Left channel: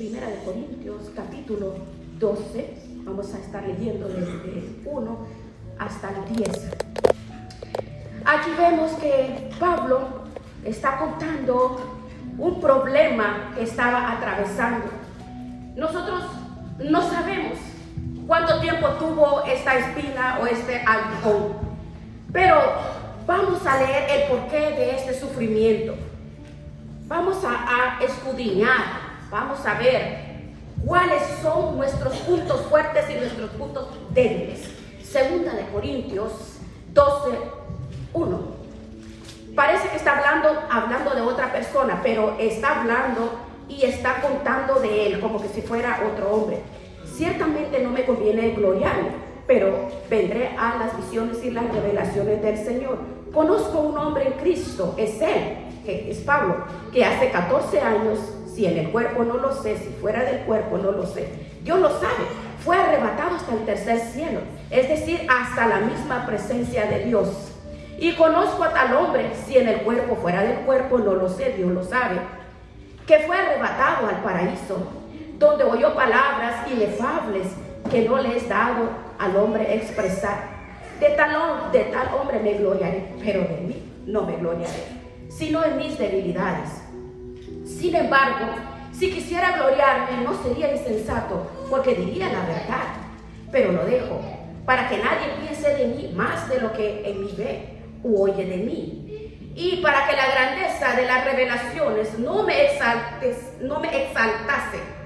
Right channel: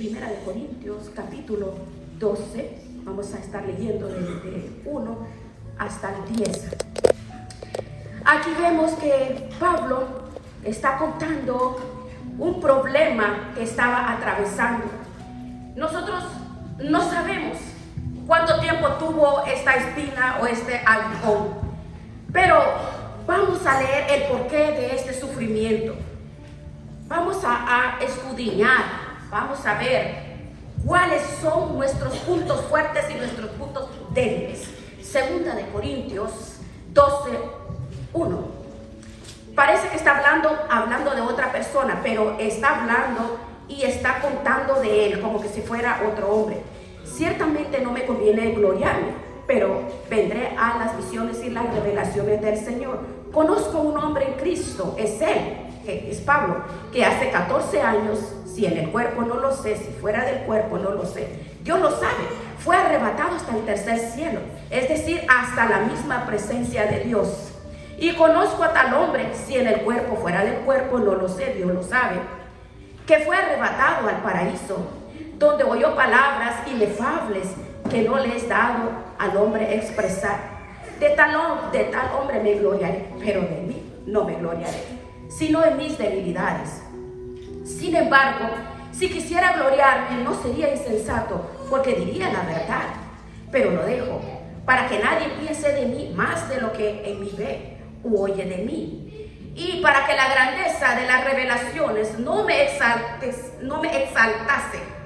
Primera de Corintios, capítulo 12. Vamos a estar leyendo desde el 1 hasta el 10. Aquí vemos que Pablo está contando un problema que estaba atravesando. Nosotros no sabemos cuánto tiempo tuvo esta espina o este aguijón, pero vamos a leer el porqué de este sufrimiento. Vamos a escudriñar, vamos a ver cuáles son nuestros puntos fuertes y nuestros puntos débiles. Segunda de Corintios 12, 1. Parece que está hablando de otra persona, pero está hablando y está contando de él como que si fuera otro hombre. Ciertamente no me conviene gloriarme, pero vendré a las visiones y las revelaciones del Señor. Conozco un hombre en Cristo, es él, que es Pablo, que hace 14 años, si en el cuerpo no lo sé, si fuera del cuerpo no lo sé, Dios lo sabe, fue arrebatado hasta el tercer cielo, es decir, hasta la misma presencia de Dios. Y conozco a tal hombre, si en el cuerpo, fuera del cuerpo no lo sé, Dios lo sabe, que fue arrebatado al paraíso, donde oyó palabras inefables que no le es dado al hombre expresar. De tal hombre me gloriaré, pero de mí no me gloriaré, sino en mis debilidades. Sin embargo, si quisiera gloriarme, no sería insensato, porque diría la verdad, pero lo dejo, para que nadie piense de mí más de lo que en mí ve o oye de mí, y para que la grandeza de las revelaciones no me exaltase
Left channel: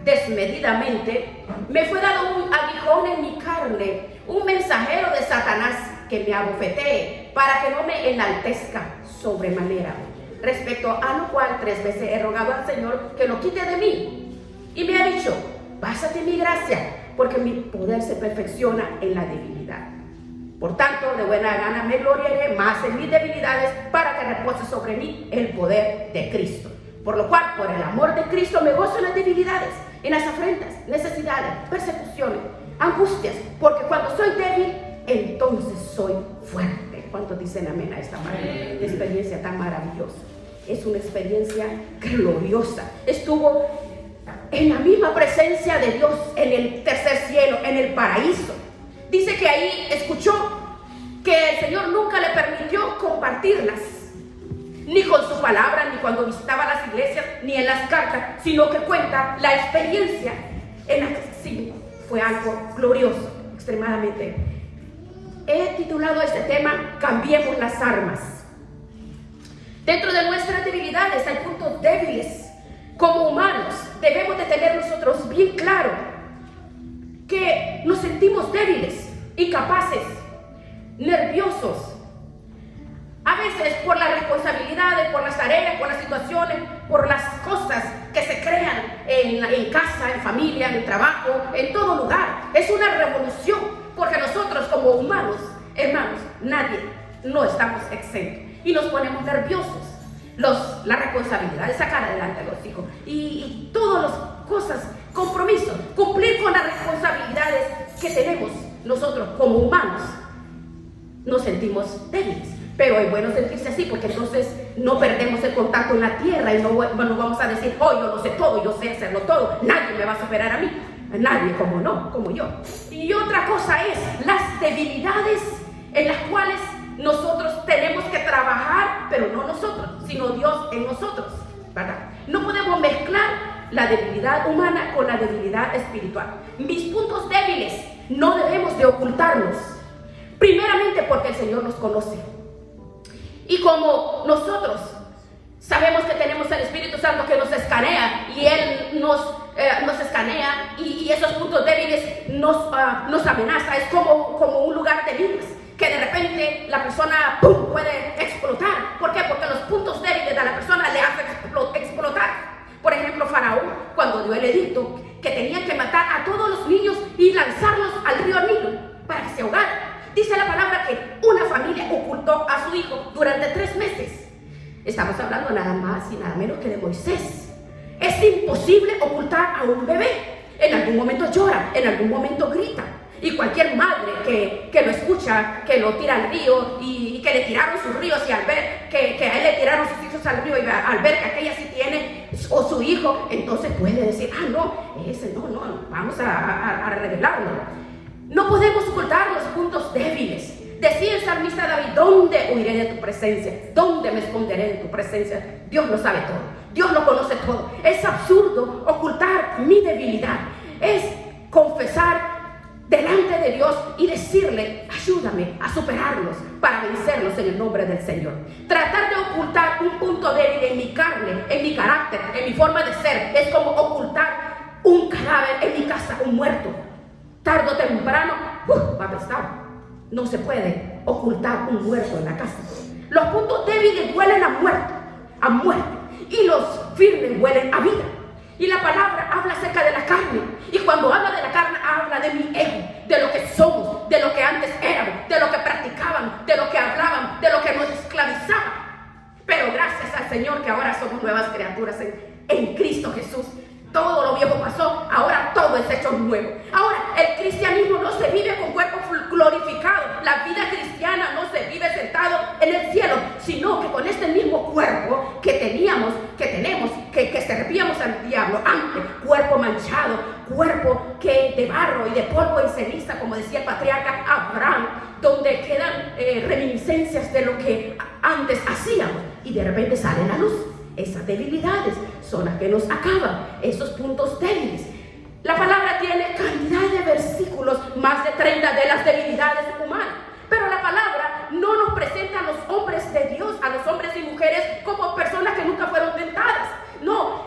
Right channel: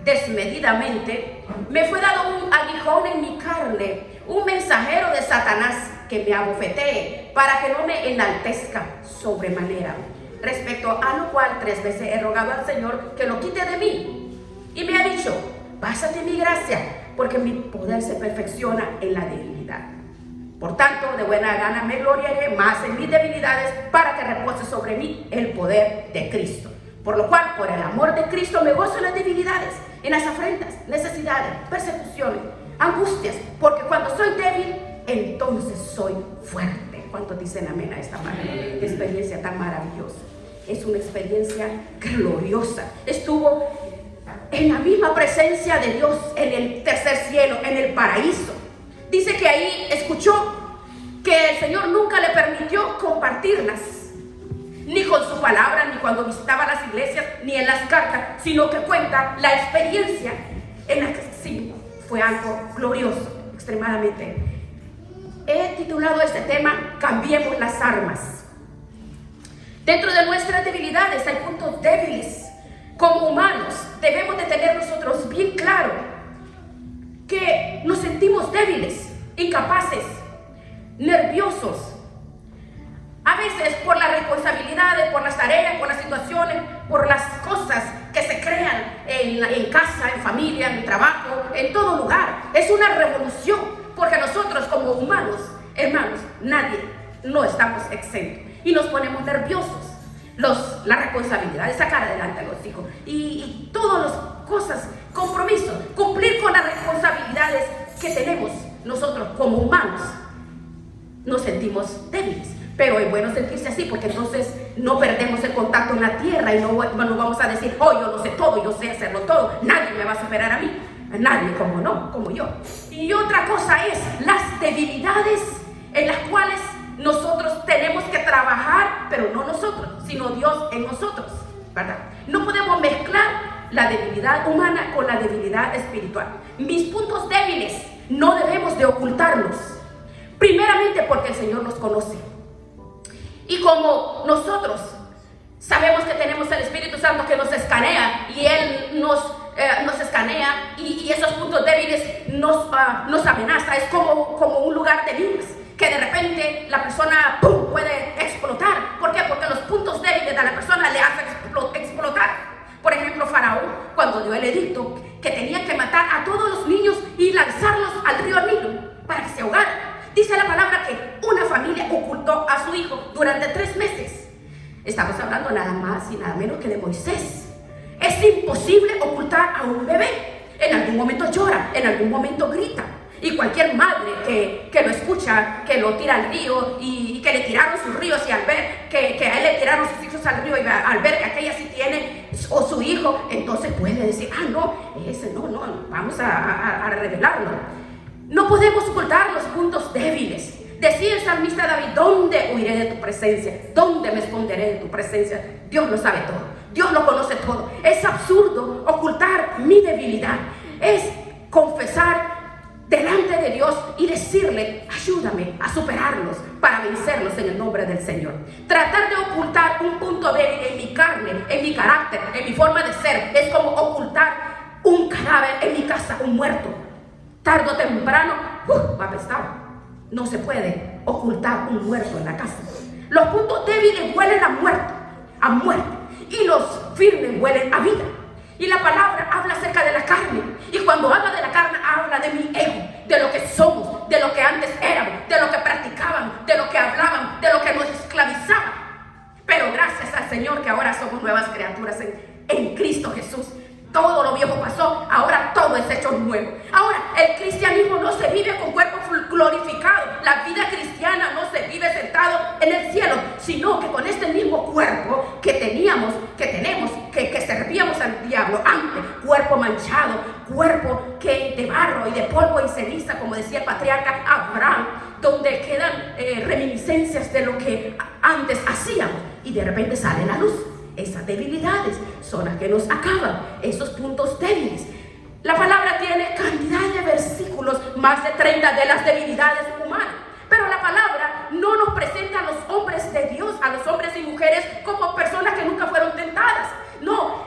desmedidamente, me fue dado un aguijón en mi carne, un mensajero de Satanás que me abofetee, para que no me enaltezca sobremanera. Respecto a lo cual 3 veces he rogado al Señor que lo quite de mí, y me ha dicho: bástate mi gracia, porque mi poder se perfecciona en la debilidad. Por tanto, de buena gana me gloriaré más en mis debilidades, para que repose sobre mí el poder de Cristo. Por lo cual, por el amor de Cristo, me gozo en las debilidades, en las afrentas, necesidades, persecuciones, angustias, porque cuando soy débil, entonces soy fuerte. ¿Cuántos dicen amén a esta experiencia tan maravillosa? Es una experiencia gloriosa. Estuvo en la misma presencia de Dios, en el tercer cielo, en el paraíso. Dice que ahí escuchó que el Señor nunca le permitió compartirlas, ni con su palabra, ni cuando visitaba las iglesias, ni en las cartas, sino que cuenta la experiencia en el signo. Fue algo glorioso, extremadamente. He titulado este tema: Cambiemos las armas. Dentro de nuestras debilidades hay puntos débiles. Como humanos debemos de tener nosotros bien claro que nos sentimos débiles, incapaces, nerviosos. A veces por las responsabilidades, por las tareas, por las situaciones, por las cosas que se crean en casa, en familia, en el trabajo, en todo lugar. Es una revolución, porque nosotros como humanos, hermanos, nadie, no estamos exentos. Y nos ponemos nerviosos. Las responsabilidades, sacar adelante a los hijos y todas las cosas, compromisos, cumplir con las responsabilidades que tenemos nosotros como humanos. Nos sentimos débiles. Pero es bueno sentirse así, porque entonces no perdemos el contacto en la tierra y no vamos a decir: oh, yo no sé todo, yo sé hacerlo todo, nadie me va a superar a mí. Nadie, como no, como yo. Y otra cosa es las debilidades en las cuales nosotros tenemos que trabajar, pero no nosotros, sino Dios en nosotros, ¿verdad? No podemos mezclar la debilidad humana con la debilidad espiritual. Mis puntos débiles no debemos de ocultarlos, primeramente porque el Señor nos conoce. Y como nosotros sabemos que tenemos el Espíritu Santo que nos escanea, y Él nos escanea, y esos puntos débiles nos amenaza. Es como un lugar de minas, que de repente la persona ¡pum!, puede explotar. ¿Por qué? Porque los puntos débiles de la persona le hacen explotar. Por ejemplo, Faraón, cuando dio el edicto que tenía que matar a todos los niños y lanzarlos al río Nilo para que se ahogaran, dice la palabra que una familia ocultó a su hijo durante 3 meses. Estamos hablando nada más y nada menos que de Moisés. Es imposible ocultar a un bebé. En algún momento llora, en algún momento grita. Y cualquier madre que lo escucha, que lo tira al río y que le tiraron sus ríos, y al ver que a él le tiraron sus hijos al río, y al ver que aquella sí tiene o su hijo, entonces puede decir, no, ese no, vamos a revelarlo. No podemos ocultar los puntos débiles. Decía el salmista David, ¿dónde huiré de tu presencia? ¿Dónde me esconderé de tu presencia? Dios lo sabe todo, Dios lo conoce todo. Es absurdo ocultar mi debilidad. Es confesar delante de Dios y decirle, ayúdame a superarlos para vencerlos en el nombre del Señor. Tratar de ocultar un punto débil en mi carne, en mi carácter, en mi forma de ser, es como ocultar un cadáver en mi casa, un muerto. Tarde o temprano, va a pesar. No se puede ocultar un muerto en la casa. Los puntos débiles huelen a muerte, y los firmes huelen a vida. Y la palabra habla acerca de la carne, y cuando habla de la carne, habla de mi ego, de lo que somos, de lo que antes éramos, de lo que practicaban, de lo que hablaban, de lo que nos esclavizaban. Pero gracias al Señor que ahora somos nuevas criaturas en Cristo Jesús. Todo lo viejo pasó, ahora todo es hecho nuevo. Ahora, el cristianismo no se vive con cuerpo glorificado. La vida cristiana no se vive sentado en el cielo, sino que con este mismo cuerpo que tenemos, que servíamos al diablo antes, cuerpo manchado, cuerpo que de barro y de polvo y ceniza, como decía el patriarca Abraham, donde quedan reminiscencias de lo que antes hacíamos, y de repente sale la luz. Esas debilidades son las que nos acaban, esos puntos débiles. La palabra tiene cantidad de versículos, más de 30 de las debilidades humanas. Pero la palabra no nos presenta a los hombres de Dios, a los hombres y mujeres, como personas que nunca fueron tentadas. No,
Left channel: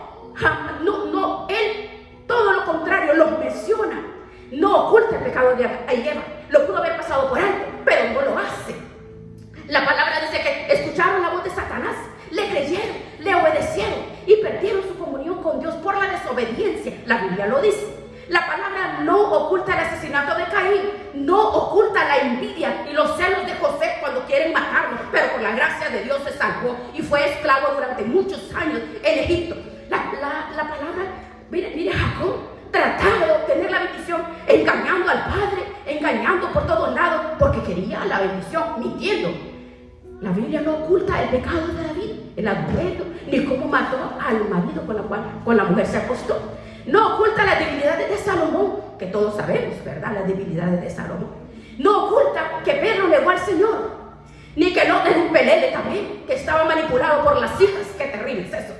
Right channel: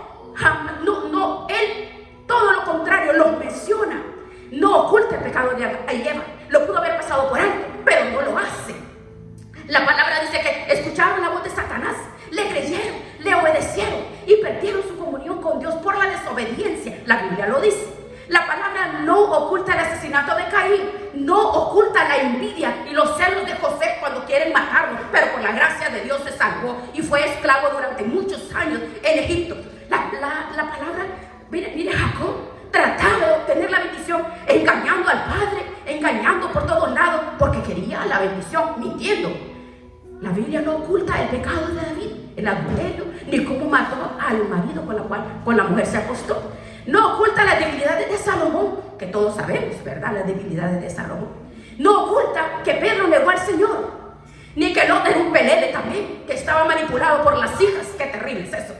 Él todo lo contrario los menciona. No oculta el pecado de Eva, lo pudo haber pasado por él, pero no lo hace. La palabra dice que escucharon la voz de Satanás, le creyeron, le obedecieron y perdieron su comunión con Dios por la desobediencia. La Biblia lo dice. La palabra no oculta el asesinato de Caín, no oculta la envidia y los celos de José cuando quieren matarlo, pero con la gracia de Dios se salvó y fue esclavo durante muchos años en Egipto. La palabra, mire Jacob, trataba de obtener la bendición, engañando al padre, engañando por todos lados, porque quería la bendición, mintiendo. La Biblia no oculta el pecado de David, el adulterio, ni cómo mató al marido con la mujer se acostó. No oculta las debilidades de Salomón, que todos sabemos, ¿verdad? Las debilidades de Salomón. No oculta que Pedro negó al Señor, ni que no tenía un pelele también, que estaba manipulado por las hijas. Qué terrible es eso,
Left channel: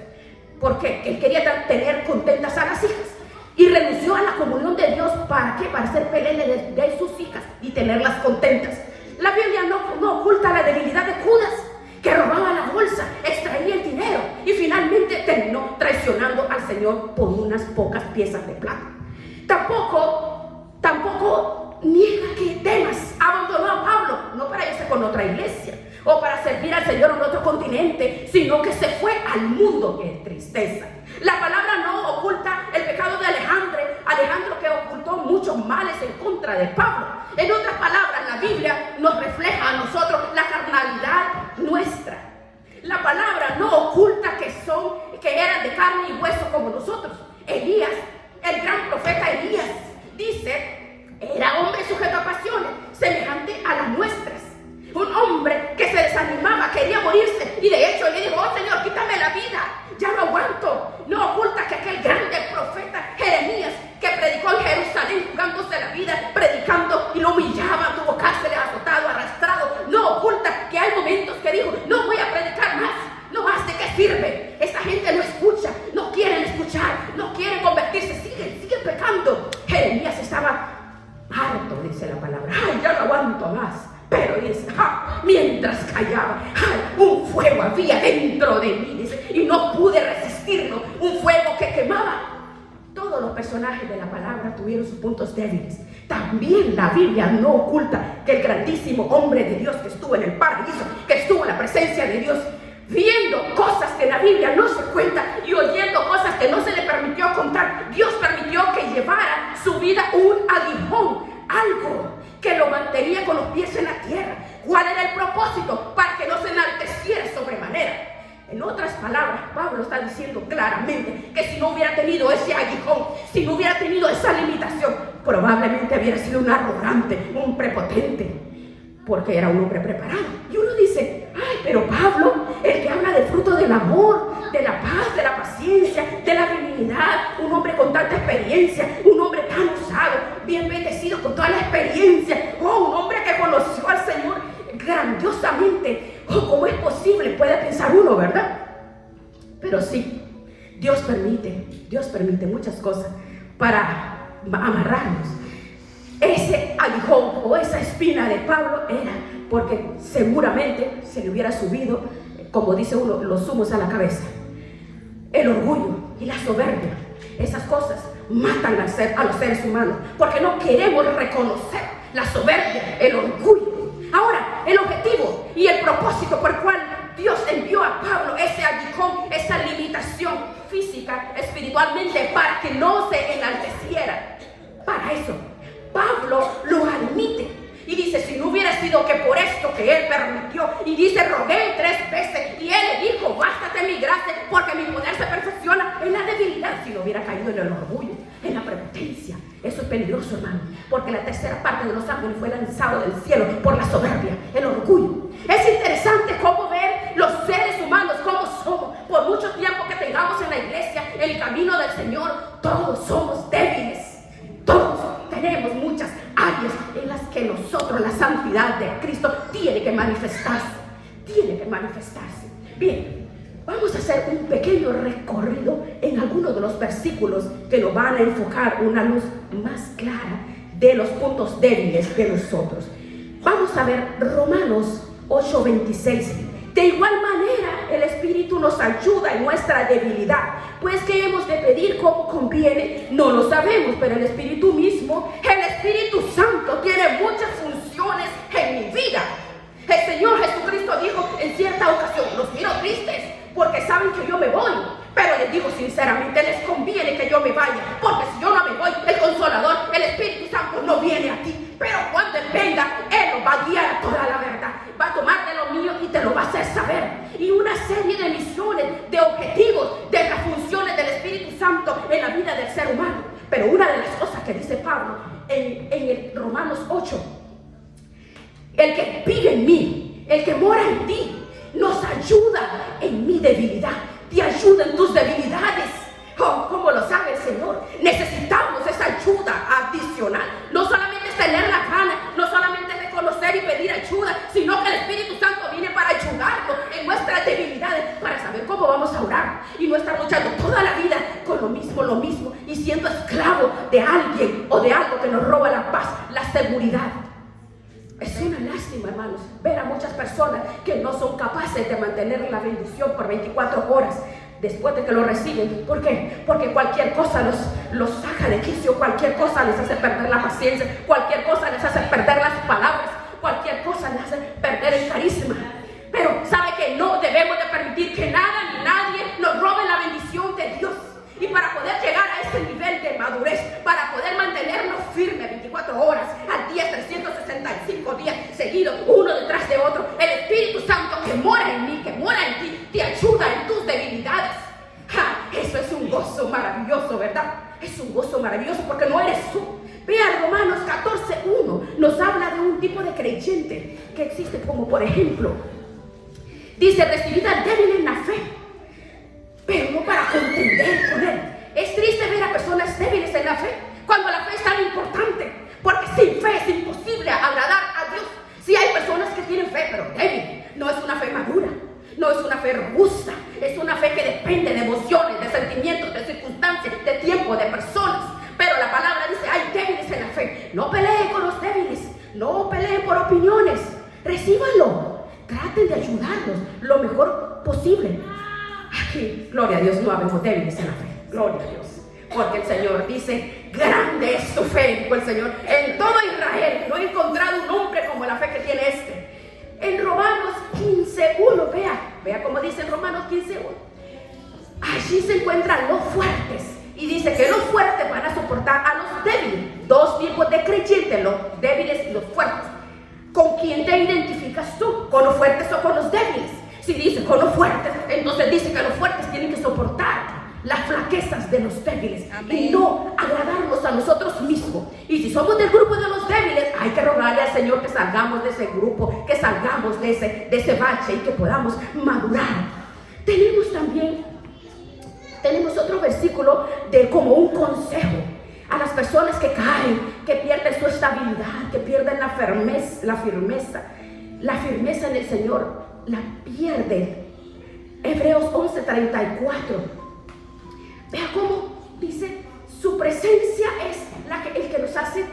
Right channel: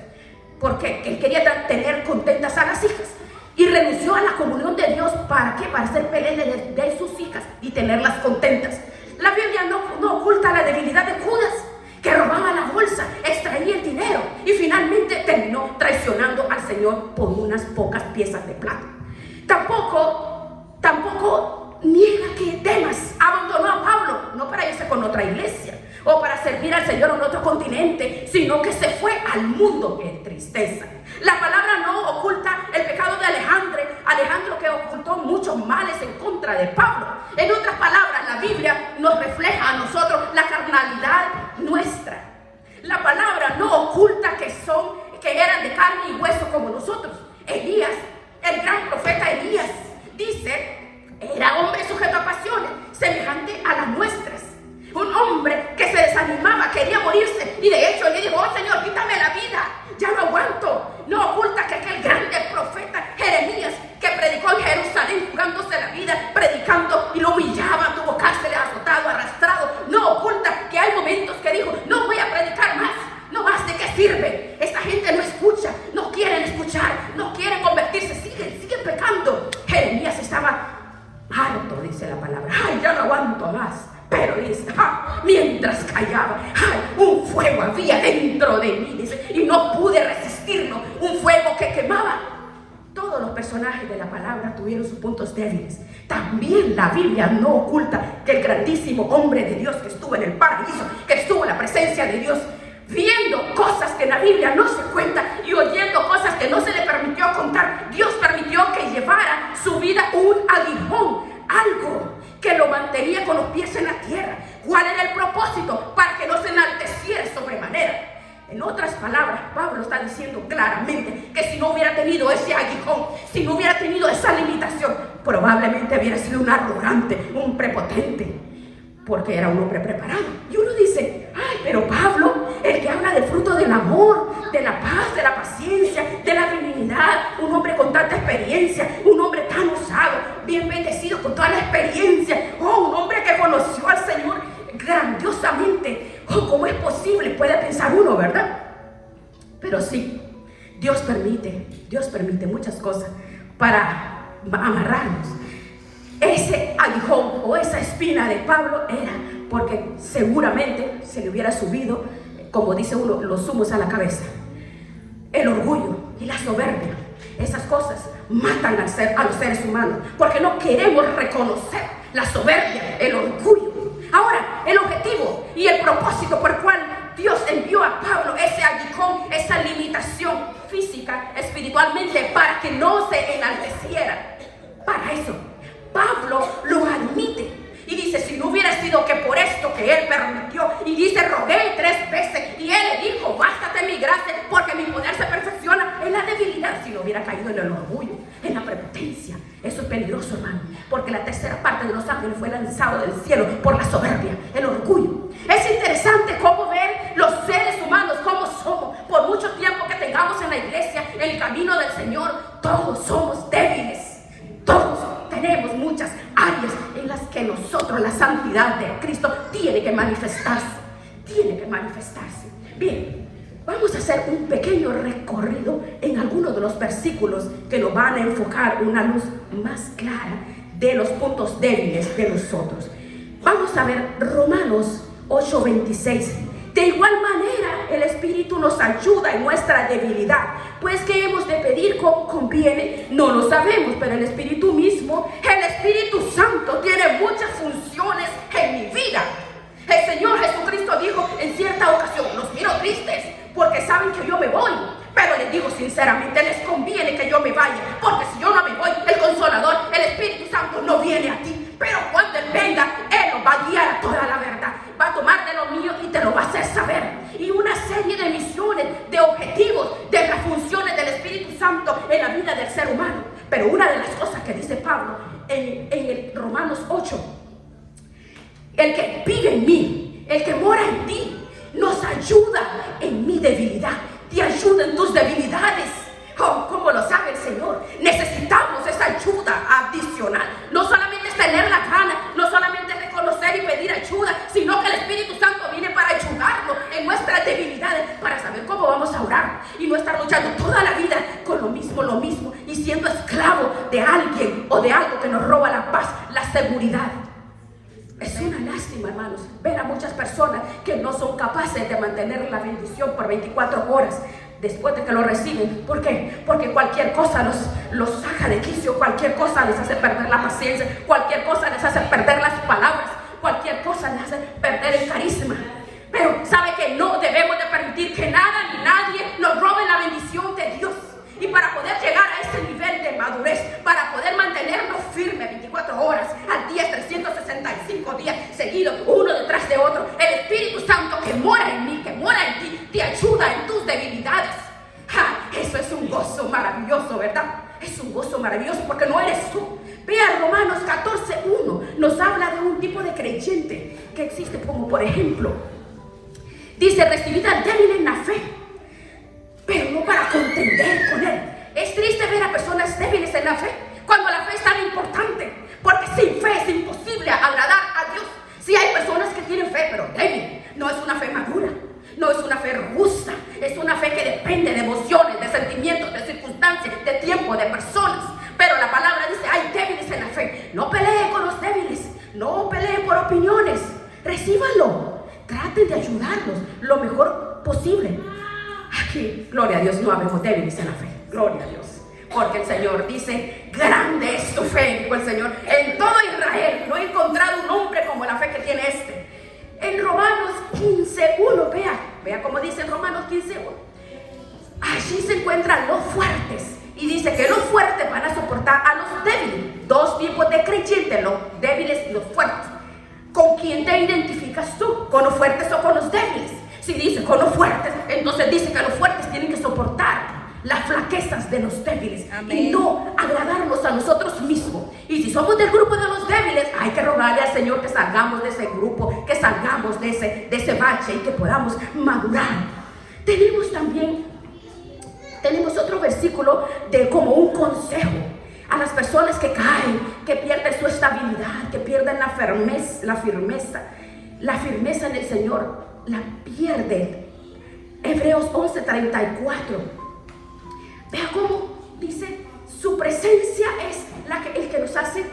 porque él quería tener contentas a las hijas y renunció a la comunión de Dios. ¿Para qué? Para ser pelele de sus hijas y tenerlas contentas. La Biblia no oculta la debilidad de Judas, que robaba la bolsa, extraía el dinero y finalmente terminó traicionando al Señor por unas pocas piezas de plata. Tampoco niega que Demas abandonó a Pablo, no para irse con otra iglesia o para servir al Señor en otro continente, sino que se fue al mundo en tristeza. La palabra no oculta el pecado de Alejandro que ocultó muchos males en contra de Pablo. En otras palabras, la Biblia nos refleja a nosotros la carnalidad nuestra. La palabra no oculta que eran de carne y hueso como nosotros. Elías, el gran profeta Elías, dice, era hombre sujeto a pasiones, semejante a las nuestras. Un hombre que se desanimaba, quería morirse, y de hecho le dijo, oh Señor, quítame la vida, ya no aguanto. No oculta que aquel grande profeta Jeremías, que predicó en Jerusalén, jugándose la vida, predicando, y lo humillaban, tuvo cárcel, azotado, arrastrado. No oculta que hay momentos que dijo, no voy a predicar más, no más, ¿de qué sirve? Esta gente no escucha, no quieren escuchar, no quieren convertirse, siguen pecando. Jeremías estaba harto, dice la palabra, ay, ya no aguanto más. Pero mientras callaba, un fuego había dentro de mí y no pude resistirlo, un fuego que quemaba. Todos los personajes de la palabra tuvieron sus puntos débiles. También la Biblia no oculta que el grandísimo hombre de Dios que estuvo en el paraíso, que estuvo en la presencia de Dios, viendo cosas que la Biblia no se cuenta y oyendo cosas que no se le permitió contar, Dios permitió que llevara su vida un aguijón, algo que lo mantenía con los pies en la tierra. ¿Cuál era el propósito? Para que no se enalteciera sobremanera. En otras palabras, Pablo está diciendo claramente que si no hubiera tenido ese aguijón, si no hubiera tenido esa limitación, probablemente había sido un arrogante, un prepotente, porque era un hombre preparado. Y uno dice, ay, pero Pablo, el que habla del fruto del amor, de la paz, de la paciencia, de la benignidad, un hombre con tanta experiencia, un hombre tan usado, bien bendecido con toda la experiencia, un hombre que conoció al Señor grandiosamente. ¿Cómo es posible? Puede pensar uno, ¿verdad? Pero sí, Dios permite muchas cosas para amarrarnos. Ese aguijón o esa espina de Pablo era porque seguramente se le hubiera subido, como dice uno, los humos a la cabeza. El orgullo y la soberbia, esas cosas matan a los seres humanos, porque no queremos reconocer la soberbia, el orgullo. Ahora, el objetivo y el propósito por el cual Dios envió a Pablo ese aguijón, esa limitación física, espiritualmente, para que no se enalteciera. Para eso, Pablo lo admite y dice, si no hubiera sido que por esto que él permitió, y dice, rogué 3 veces, y él le dijo, bástate mi gracia, porque mi poder se perfecciona en la debilidad. Si no hubiera caído en el orgullo, en la prepotencia. Eso es peligroso, hermano, porque la tercera parte de los ángeles fue lanzado del cielo por la soberbia, el orgullo. Es interesante cómo ver los seres humanos, cómo somos. Por mucho tiempo que tengamos en la iglesia, en el camino del Señor, todos somos débiles. Todos tenemos muchas áreas en las que nosotros, la santidad de Cristo, tiene que manifestarse. Bien, vamos a hacer un pequeño recorrido en algunos de los versículos que nos van a enfocar una luz más clara de los puntos débiles de nosotros. Vamos a ver Romanos 8:26. De igual manera, el Espíritu nos ayuda en nuestra debilidad, pues que hemos de pedir como conviene, no lo sabemos, pero el Espíritu mismo, el Espíritu Santo, tiene muchas funciones en mi vida. El Señor Jesucristo dijo en cierta ocasión, los miro tristes, porque saben que yo me voy, pero les digo sinceramente, les conviene que yo me vaya, porque si yo no me voy, el Consolador, el Espíritu Santo no viene a ti, pero cuando Él venga, Él nos va a guiar toda la verdad, va a tomar de lo mío y te lo va a hacer saber, y una serie de misiones, de objetivos, de las funciones del Espíritu Santo en la vida del ser humano. Pero una de las cosas que dice Pablo en el Romanos 8, el que vive en mí, el que mora en ti, nos ayuda en mi debilidad, te ayuda en tus debilidades. Oh, como lo sabe el Señor, necesitamos esa ayuda adicional. No solamente es tener la gana, no solamente es reconocer y pedir ayuda, sino que el Espíritu Santo viene para ayudarnos en nuestras debilidades, para saber cómo vamos a orar y no estar luchando toda la vida con lo mismo y siendo esclavo de alguien o de algo que nos roba la paz, la seguridad. Es una lástima, hermanos, ver a muchas personas que no son capaces de mantener la bendición por 24 horas después de que lo reciben. ¿Por qué? Porque cualquier cosa los saca de quicio, cualquier cosa les hace perder la paciencia, cualquier cosa les hace perder las palabras, cualquier cosa les hace perder el carisma. Pero sabe que no debemos de permitir que nada ni nadie nos robe la bendición de Dios. Y para poder llegar a ese nivel de madurez, para poder mantenernos firmes 24 horas al día, 365 días seguidos, uno detrás de otro, el Espíritu Santo que mora en mí, que mora en ti, te ayuda en tus debilidades. Eso es un gozo maravilloso, ¿verdad? Es un gozo maravilloso porque no eres tú. Vean, Romanos 14:1 nos habla de un tipo de creyente que existe, como por ejemplo, dice, recibida débil en la fe, pero no para contender con él. Es triste ver a personas débiles en la fe, cuando la fe es tan importante, porque sin fe es imposible agradar a Dios. Si hay personas que tienen fe, pero débil, no es una fe madura, no es una fe robusta, es una fe que depende de emociones, de sentimientos, de circunstancias, de tiempo, de personas. Pero la palabra dice, hay débiles en la fe. No peleen con los débiles, no peleen por opiniones, recíbanlo, traten de ayudarlos lo mejor posible. Aquí, gloria a Dios, no hablemos débiles en la fe, gloria a Dios, porque el Señor dice, grande es tu fe, dijo el Señor, en todo Israel no he encontrado un hombre como la fe que tiene este. En Romanos 15:1, vea cómo dice en Romanos 15:1, allí se encuentran los fuertes, y dice que los fuertes van a soportar a los débiles. Dos tipos de creyentes, los débiles y los fuertes. ¿Con quién te identificas tú? ¿Con los fuertes o con los débiles? Si dice con los fuertes, entonces dice que los fuertes tienen que soportar las flaquezas de los débiles. Amén. Y no agradarnos a nosotros mismos. Y si somos del grupo de los débiles, hay que rogarle al Señor que salgamos de ese grupo, que salgamos de ese bache y que podamos madurar. Tenemos otro versículo de como un consejo a las personas que caen, que pierden su estabilidad, que pierden la firmeza en el Señor, la pierden. Hebreos 11:34. Vea cómo dice, su presencia es el que nos hace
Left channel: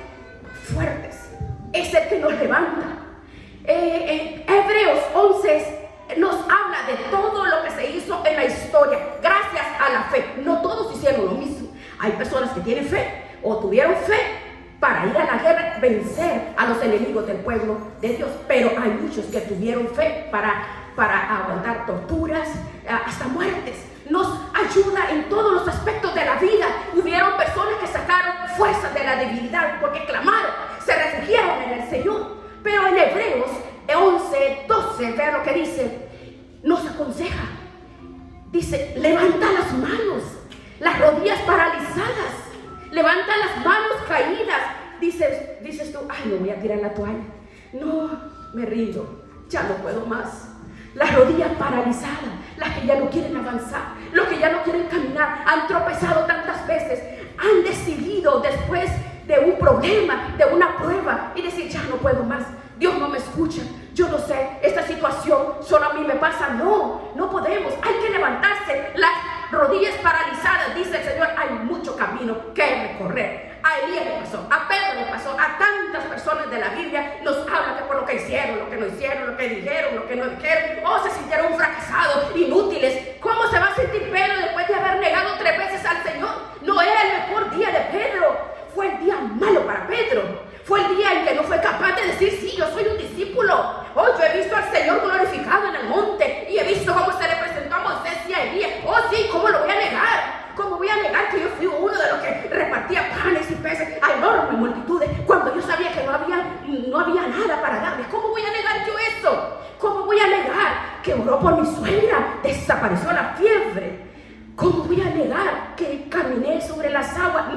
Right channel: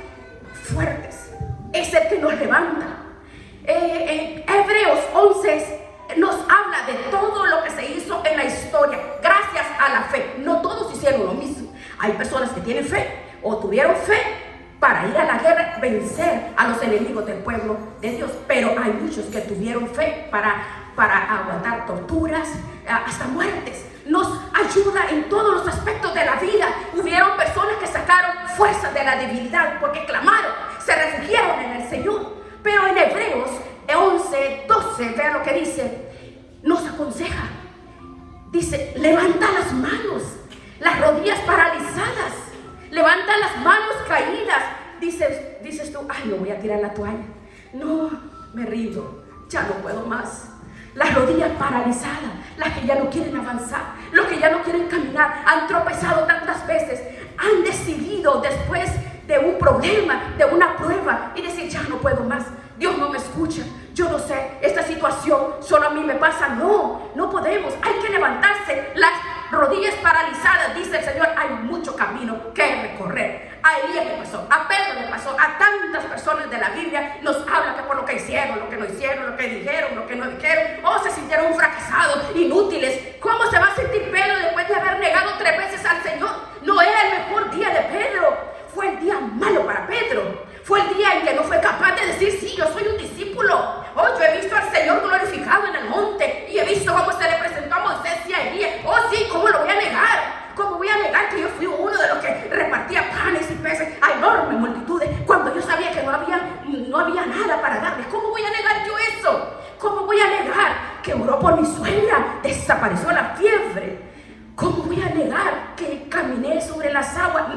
fuertes, es el que nos levanta. Hebreos 11 nos habla de todo lo que se hizo en la historia gracias a la fe. No todos hicieron lo mismo. Hay personas que tienen fe o tuvieron fe para ir a la guerra, vencer a los enemigos del pueblo de Dios, pero hay muchos que tuvieron fe para aguantar torturas, hasta muertes. Nos ayuda en todos los aspectos de la vida. Hubieron personas que sacaron fuerzas de la debilidad porque clamaron, se refugiaron en el Señor. Pero en Hebreos 11:12, vea lo que dice, nos aconseja. Dice, levanta las manos, las rodillas paralizadas, levanta las manos caídas. Dices tú, ay, no voy a tirar la toalla. No, me rindo, ya no puedo más. Las rodillas paralizadas, las que ya no quieren avanzar, los que ya no quieren caminar, han tropezado tantas veces, han decidido después de un problema, de una prueba, y decir, ya no puedo más, Dios no me escucha, yo no sé, esta situación solo a mí me pasa. No, no podemos, hay que levantarse. Las rodillas paralizadas, dice el Señor, hay mucho camino que recorrer. A Elías le pasó, a Pedro le pasó, a tantas personas de la Biblia nos hablan de por lo que hicieron, lo que no hicieron, lo que dijeron, lo que no dijeron, o se sintieron fracasados, inútiles. ¿Cómo se va a sentir Pedro después de haber negado 3 veces al Señor? No era el mejor día de Pedro, fue el día malo para Pedro. Fue el día en que no fue capaz de decir, sí, yo soy un discípulo. Oh, yo he visto al Señor glorificado en el monte y he visto cómo se le presentó a Moisés y a Elías. Oh, sí, ¿cómo lo voy a negar? ¿Cómo voy a negar que yo fui uno de los que repartía panes y peces a enormes multitudes cuando yo sabía que no había nada para darles? ¿Cómo voy a negar yo eso? ¿Cómo voy a negar que oró por mi suegra, desapareció la fiebre? ¿Cómo voy a negar que caminé sobre las aguas?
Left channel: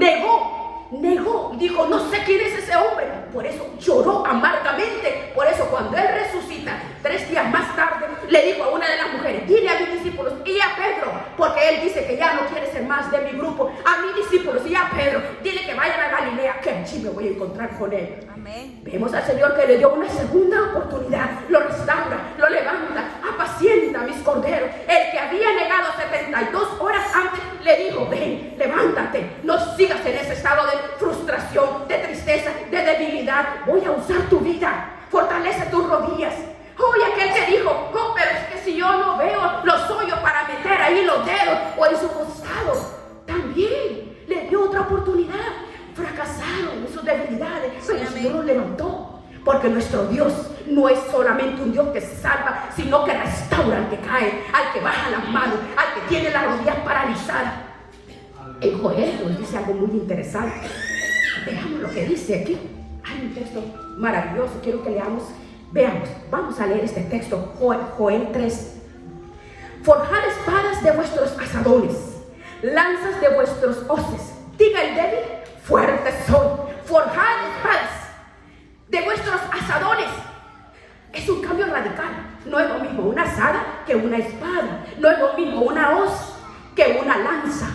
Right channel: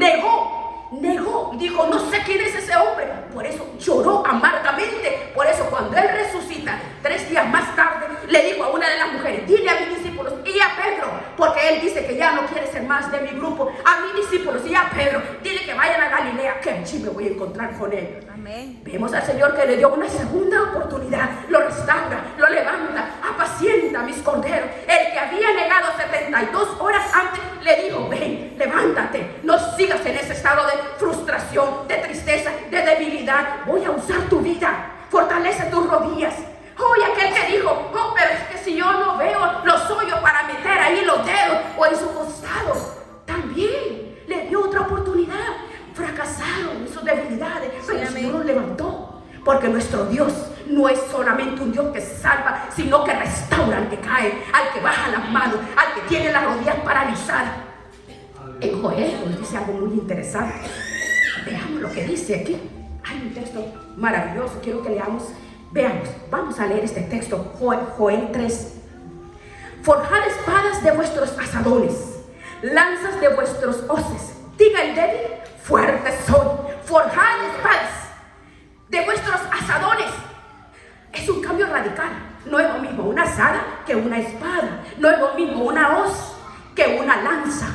Negó, dijo, no sé quién es ese hombre. Por eso lloró amargamente. Por eso cuando él resucita 3 días más tarde, le dijo a una de las mujeres, dile a mis discípulos y a Pedro, porque él dice que ya no quiere ser más de mi grupo, a mis discípulos y a Pedro, dile que vayan a Galilea, que allí me voy a encontrar con él. Amén. Vemos al Señor que le dio una segunda oportunidad, lo restaura, lo levanta, apacienta a mis corderos. El que había negado 72 horas antes le dijo, ven, levántate, no sigas en ese estado de frustración, de tristeza, de debilidad. Voy a usar tu vida, fortalece tus rodillas. Oye, aquel que dijo, no, pero es que si yo no veo los hoyos para meter ahí los dedos o en su costado, también le dio otra oportunidad. Fracasaron en sus debilidades, pero el Señor lo levantó, porque nuestro Dios no es solamente un Dios que salva, sino que restaura al que cae, al que baja las manos, al que tiene las rodillas paralizadas. En Joel nos dice algo muy interesante. Veamos lo que dice aquí. Hay un texto maravilloso, quiero que leamos. Veamos, vamos a leer este texto, Joel 3. Forjad espadas de vuestros asadones, lanzas de vuestros hoces. Diga el débil, fuertes son. Forjad espadas de vuestros asadones. Es un cambio radical. No es lo mismo una asada que una espada. No es lo mismo una hoz que una lanza.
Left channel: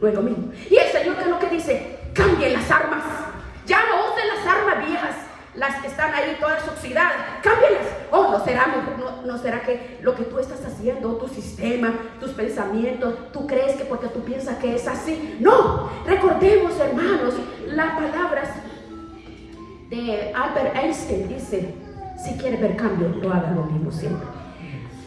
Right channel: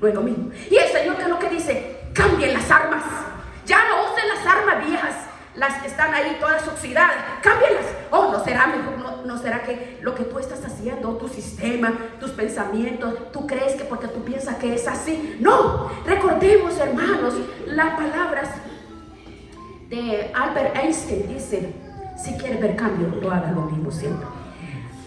No es lo mismo. Y el Señor, ¿qué es lo que dice? Cambien las armas. Ya no usen las armas viejas, las que están ahí todas oxidadas. Cámbienlas. Oh, ¿no será que lo que tú estás haciendo, tu sistema, tus pensamientos, tú crees que porque tú piensas que es así? No. Recordemos, hermanos, las palabras de Albert Einstein. Dice, si quieres ver cambio, no hagas lo mismo siempre.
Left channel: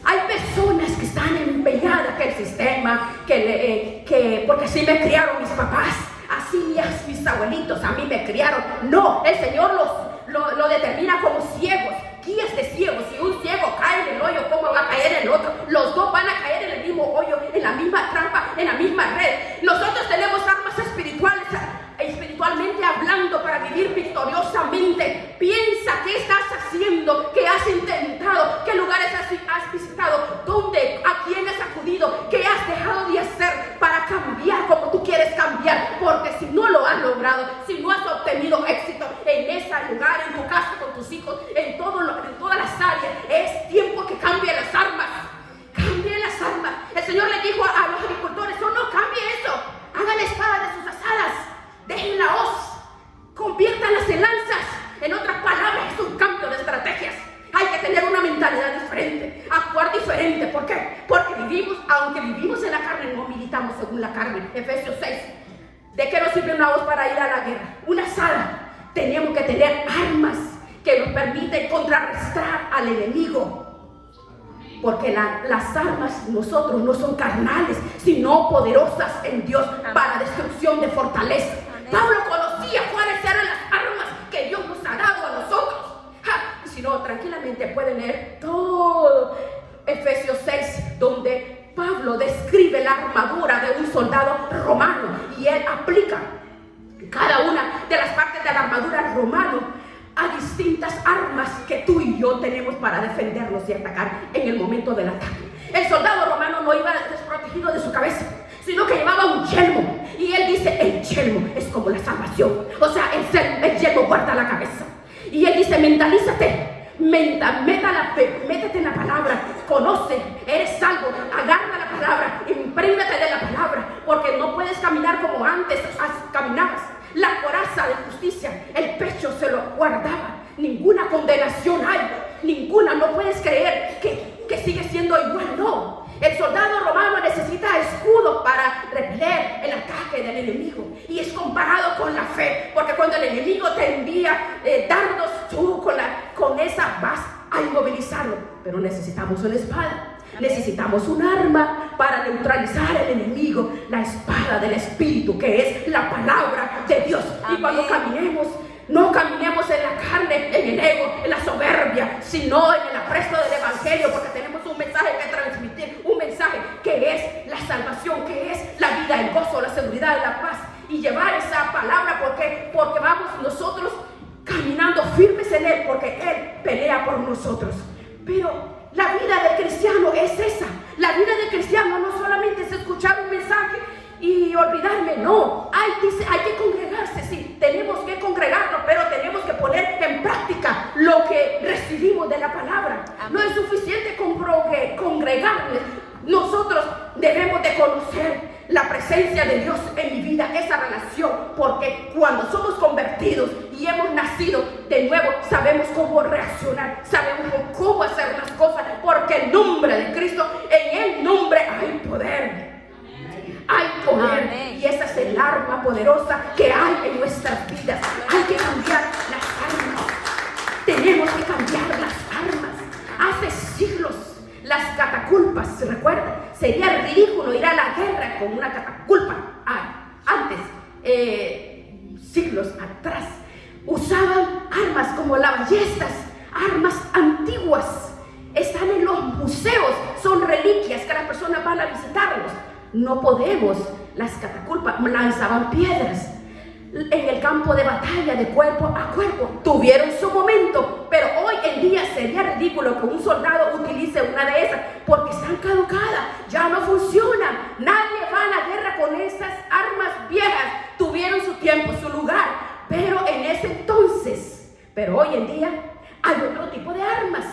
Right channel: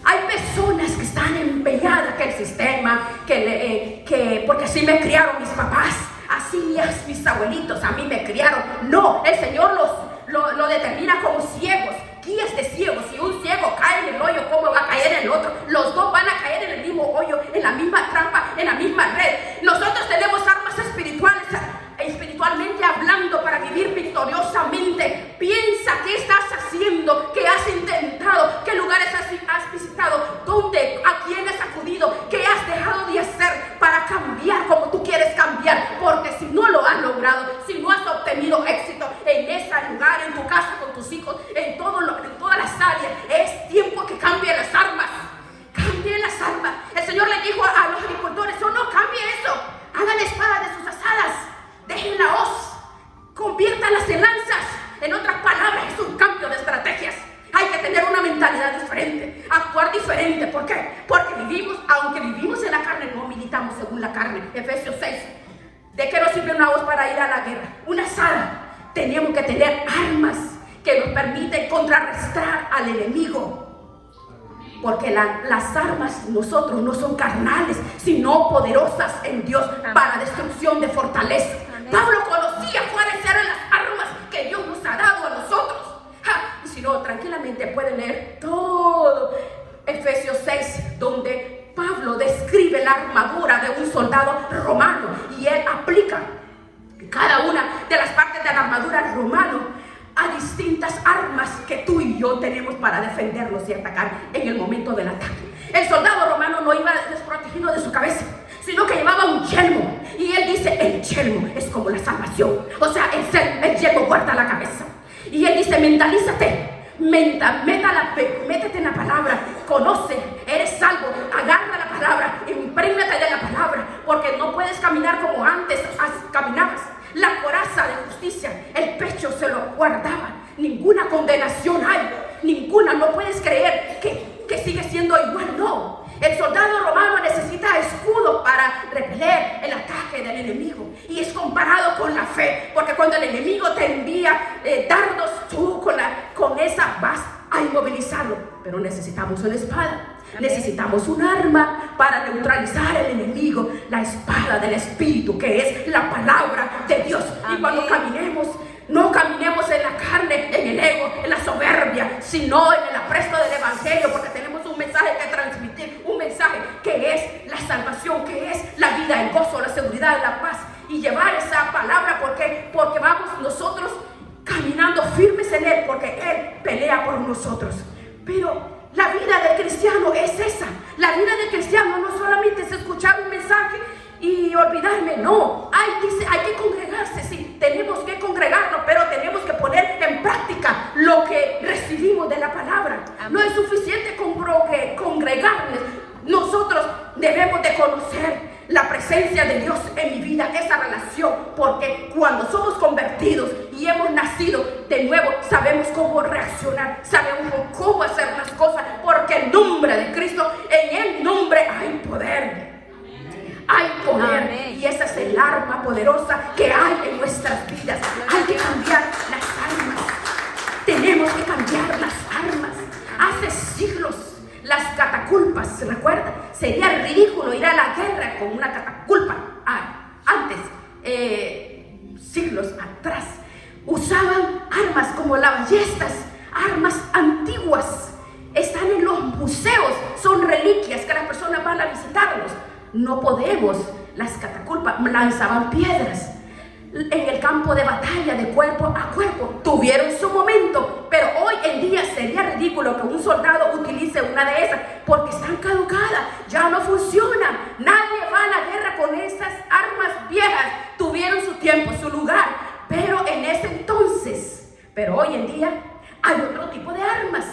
Hay personas que están empeñadas que el sistema, que porque así me criaron mis papás, así mis abuelitos a mí me criaron. No, el Señor lo determina como ciegos, guías de ciegos. Si un ciego cae en el hoyo, ¿cómo va a caer en el otro? Los dos van a caer en el mismo hoyo, en la misma trampa, en la misma red. Nosotros tenemos armas espiritualmente hablando, para vivir victoriosamente. Piensa qué estás haciendo, qué has intentado, qué lugares has visitado, dónde, a quién has acudido, qué has dejado de hacer para cambiar como tú quieres cambiar, porque si no lo has logrado, logrado, si no has obtenido éxito en ese lugar, en tu casa, con tus hijos, en todas las áreas, es tiempo que cambie las armas. Cambie las armas. El Señor le dijo a los agricultores: no cambie eso. Hagan la espada de sus asadas. Dejen la hoz. Conviértanlas en lanzas. En otras palabras, es un cambio de estrategias. Hay que tener una mentalidad diferente, actuar diferente. ¿Por qué? Porque aunque vivimos en la carne, no militamos según la carne. Efesios 6. ¿De qué nos sirve una hoz para ir a la guerra? Una azada. Tenemos que tener armas que nos permiten contrarrestar al enemigo. Porque las armas nosotros no son carnales, sino poderosas en Dios para destrucción de fortaleza. Pablo conocía cuáles eran las armas que Dios nos ha dado a nosotros. Y si no, tranquilamente pueden leer todo Efesios 6, donde Pablo describe la armadura de un soldado romano y él aplica cada una de las partes de la armadura romana a distintas armas que tú y yo tenemos para defendernos y atacar en el momento del ataque. El soldado romano no iba desprotegido de su cabeza, sino que llevaba un yelmo. Y él dice: el yelmo es como la salvación. O sea, el yelmo guarda la cabeza. Y él dice: mentalízate, métete en la palabra, conoce, eres salvo, agarra la palabra, imprégnate de la palabra, porque no puedes caminar como antes caminabas. La coraza de justicia, el pecho se lo guardaba. Ninguna condenación hay, ninguna. No puedes creer que sigue siendo igual, no. El soldado romano necesita escudo para repeler el ataque del enemigo. Y es comparado con la fe, porque cuando el enemigo te envía dardos, tú con esa vas a inmovilizarlo. Pero necesitamos una espada. Necesitamos un arma para neutralizar al enemigo, la espada del Espíritu, que es la palabra de Dios. Y cuando caminemos, no caminemos en la carne, en el ego, en la soberbia, sino en el apresto del Evangelio, porque tenemos un mensaje que transmitir, un mensaje que es la salvación, que es la vida, el gozo, la seguridad, la paz, y llevar esa palabra porque vamos nosotros caminando firmes en Él, porque Él pelea por nosotros. Pero la vida de cristiano es esa. La vida de cristiano no solamente es escuchar un mensaje y olvidarme, no. Hay que congregarse, sí, tenemos que congregarnos, pero tenemos que poner en práctica lo que recibimos de la palabra. Amén. No es suficiente con congregarnos. Nosotros debemos de conocer la presencia de Dios en mi vida, esa relación, porque cuando somos convertidos y hemos nacido de nuevo, sabemos cómo reaccionar, sabemos cómo hacer las cosas, porque el nombre de Cristo, en el nombre hay poder. Hay poder. Amén. Y esa es el arma poderosa que hay en nuestras vidas. Hay que cambiar las armas. Tenemos que cambiar las armas. Hace siglos las catapultas, ¿se recuerda? Sería ridículo ir a la guerra con una catapulta. Antes, siglos atrás, usaban armas como las ballestas, armas antiguas. Están en los museos, son reliquias que las personas van a visitarlos. No podemos, las catapultas lanzaban piedras. En el campo de batalla, de cuerpo a cuerpo, tuvieron su momento, pero hoy en día sería ridículo que un soldado utilice una de esas, porque están caducadas, ya no funcionan. Nadie va a la guerra con esas armas viejas. Tuvieron su tiempo, su lugar, pero en ese entonces, pero hoy en día hay otro tipo de armas.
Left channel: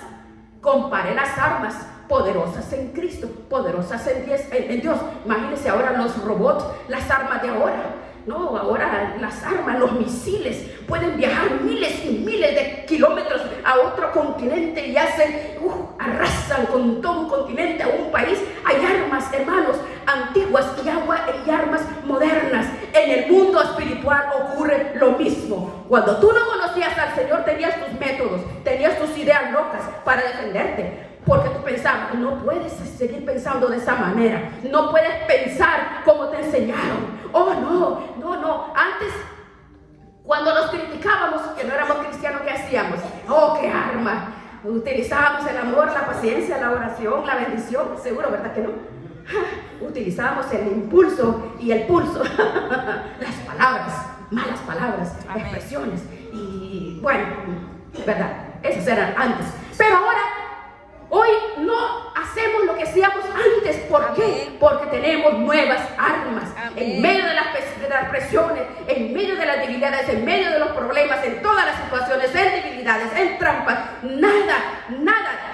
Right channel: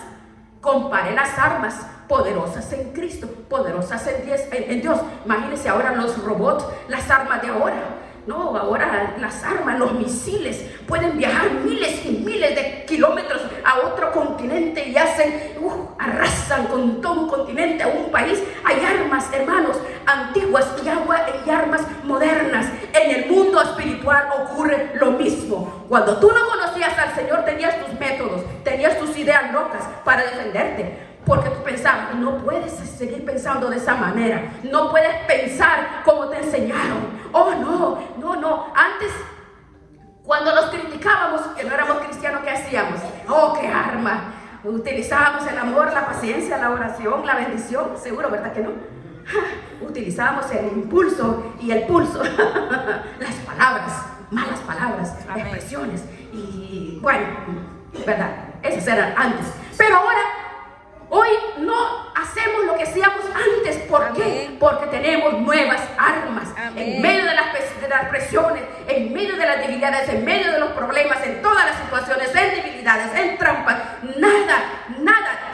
Compare las armas poderosas en Cristo, poderosas en Dios. Imagínense ahora los robots, las armas de ahora. No, ahora las armas, los misiles pueden viajar miles y miles de kilómetros a otro continente y arrasan con todo un continente, a un país. Hay armas, hermanos, antiguas y armas modernas. En el mundo espiritual ocurre lo mismo. Cuando tú no conocías al Señor, tenías tus métodos, tenías tus ideas locas para defenderte. Porque tú pensabas, no puedes seguir pensando de esa manera. No puedes pensar como te enseñaron. Oh, no. Antes, cuando nos criticábamos, que no éramos cristianos, ¿qué hacíamos? Oh, qué arma. Utilizábamos el amor, la paciencia, la oración, la bendición. Seguro, ¿verdad que no? Utilizábamos el impulso y el pulso. Las palabras, malas palabras, expresiones. Y bueno, ¿verdad? Esas eran antes. Pero ahora, hoy no hacemos lo que hacíamos antes. ¿Por qué? Porque tenemos nuevas armas. En medio de las presiones, en medio de las debilidades, en medio de los problemas, en todas las situaciones, en debilidades, en trampas, nada,